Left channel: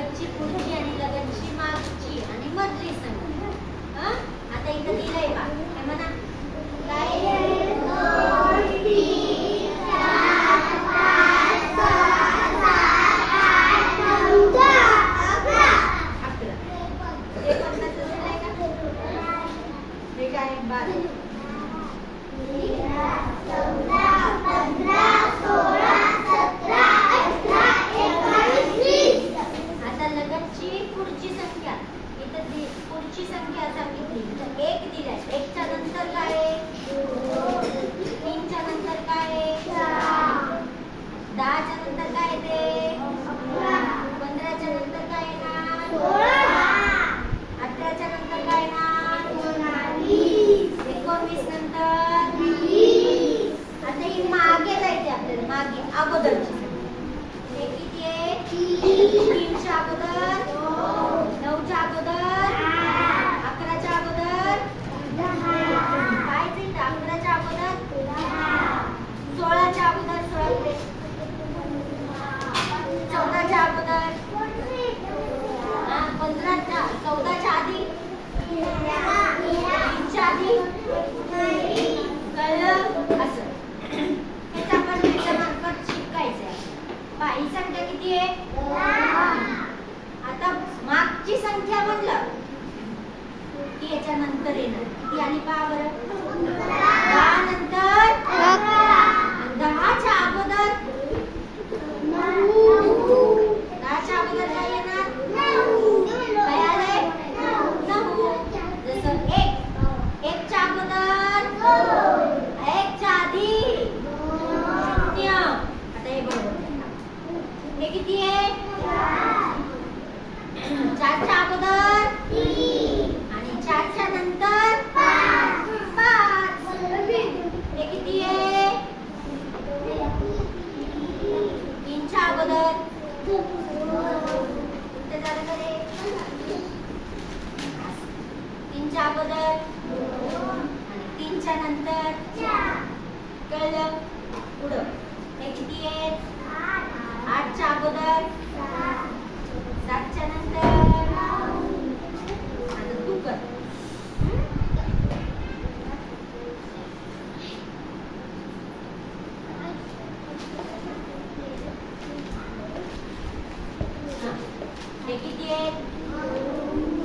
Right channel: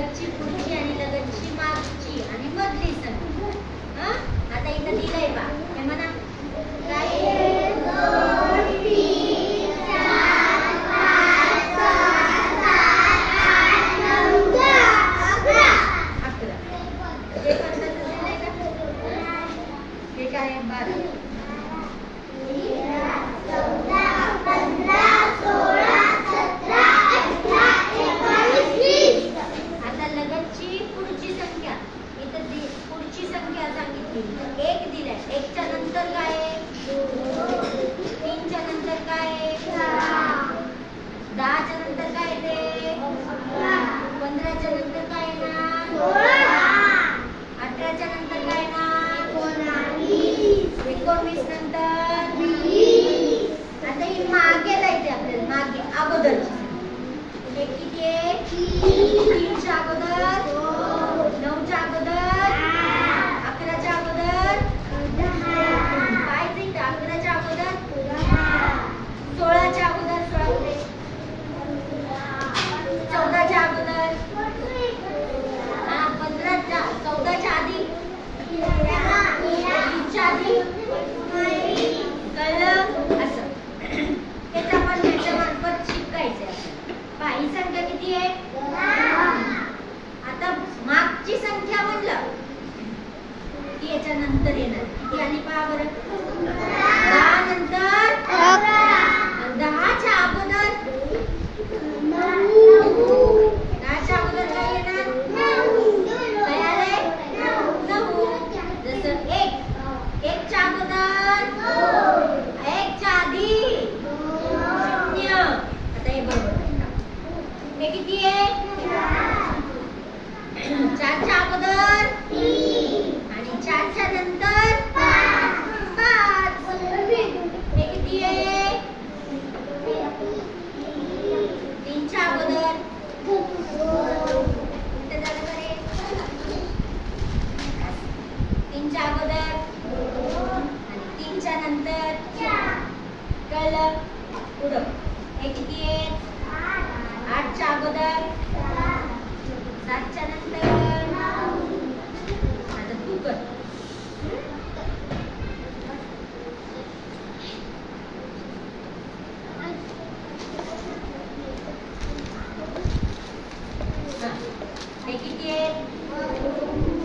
लगतची पुढची आणि लगतची मागची आणि मधली संख्या. आता इथं दिलंय बा, हे म्हणा काय? 1 2 3 4 5 6 7 8 9 10 11. हे 50 दिलंय का? हे काय 12 13 14 15 16 17 18 19 20. आता लगतची पुढची संख्या, इथं पुढची संख्या सांगितली. 1 दिलाय, 1 च्या नंतर काय आहे? 3 च्या नंतर काय आहे? 10 च्या नंतर काय येते? 15 च्या नंतर काय येणार? 18 च्या नंतर काय येणार? 19 नंतर 20. आता ही मागे जायचे आपल्याला, मागे अगोदरची. हे किती आहे? 3 च्या अगोदर, 9 च्या अगोदर, 11 च्या अगोदर, काय ते 11 च्या अगोदर, 16 च्या अगोदर, 16 कुठे? 14 च्या अगोदर, 15 च्या, 14 च्या आधी, 20 च्या आधी. कळलं? असं हेच आपण याच्या मार्फत शिकायचंय. ही संख्या किती आहे? आता मागची संख्या म्हणलं की याच्या नंतर येणार. किती आली पहा बरं? 10 नंतर 10 च्या अगोदर 10 च्या अगोदर काय येणार? काय आले? 9. जसं 1 च्या अगोदर, 1 च्या आधी 0. आता हे बरोबर नाही. हे किती आहे? 4 च्या अगोदर 3 आणि 4 च्या नंतर 5. हे किती आहे? 3 च्या अगोदर, कुठे झालं का रे? 3 च्या अगोदर आणि 3 च्या नंतर 4. कळलं? पुढं हे किती आहे? 8 च्या अगोदर, 7 च्या नंतर. आता तू कर. हे किती आहे?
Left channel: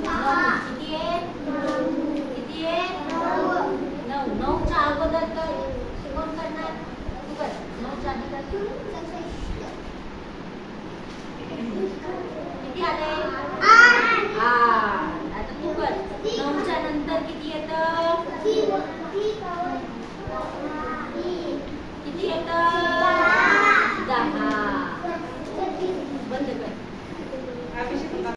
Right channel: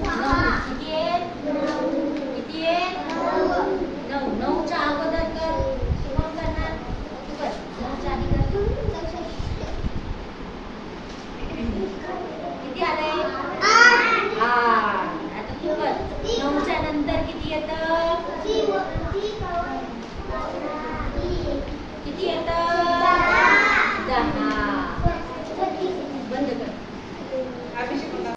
9. किती आहे? किती आहे? 9. 9 च्या अगोदर कर. कोण करणार? तू कर. 9 च्या आधी कर. किती आले? 8. आता तू कर. 9 च्या नंतर किती येतं? किती येतं?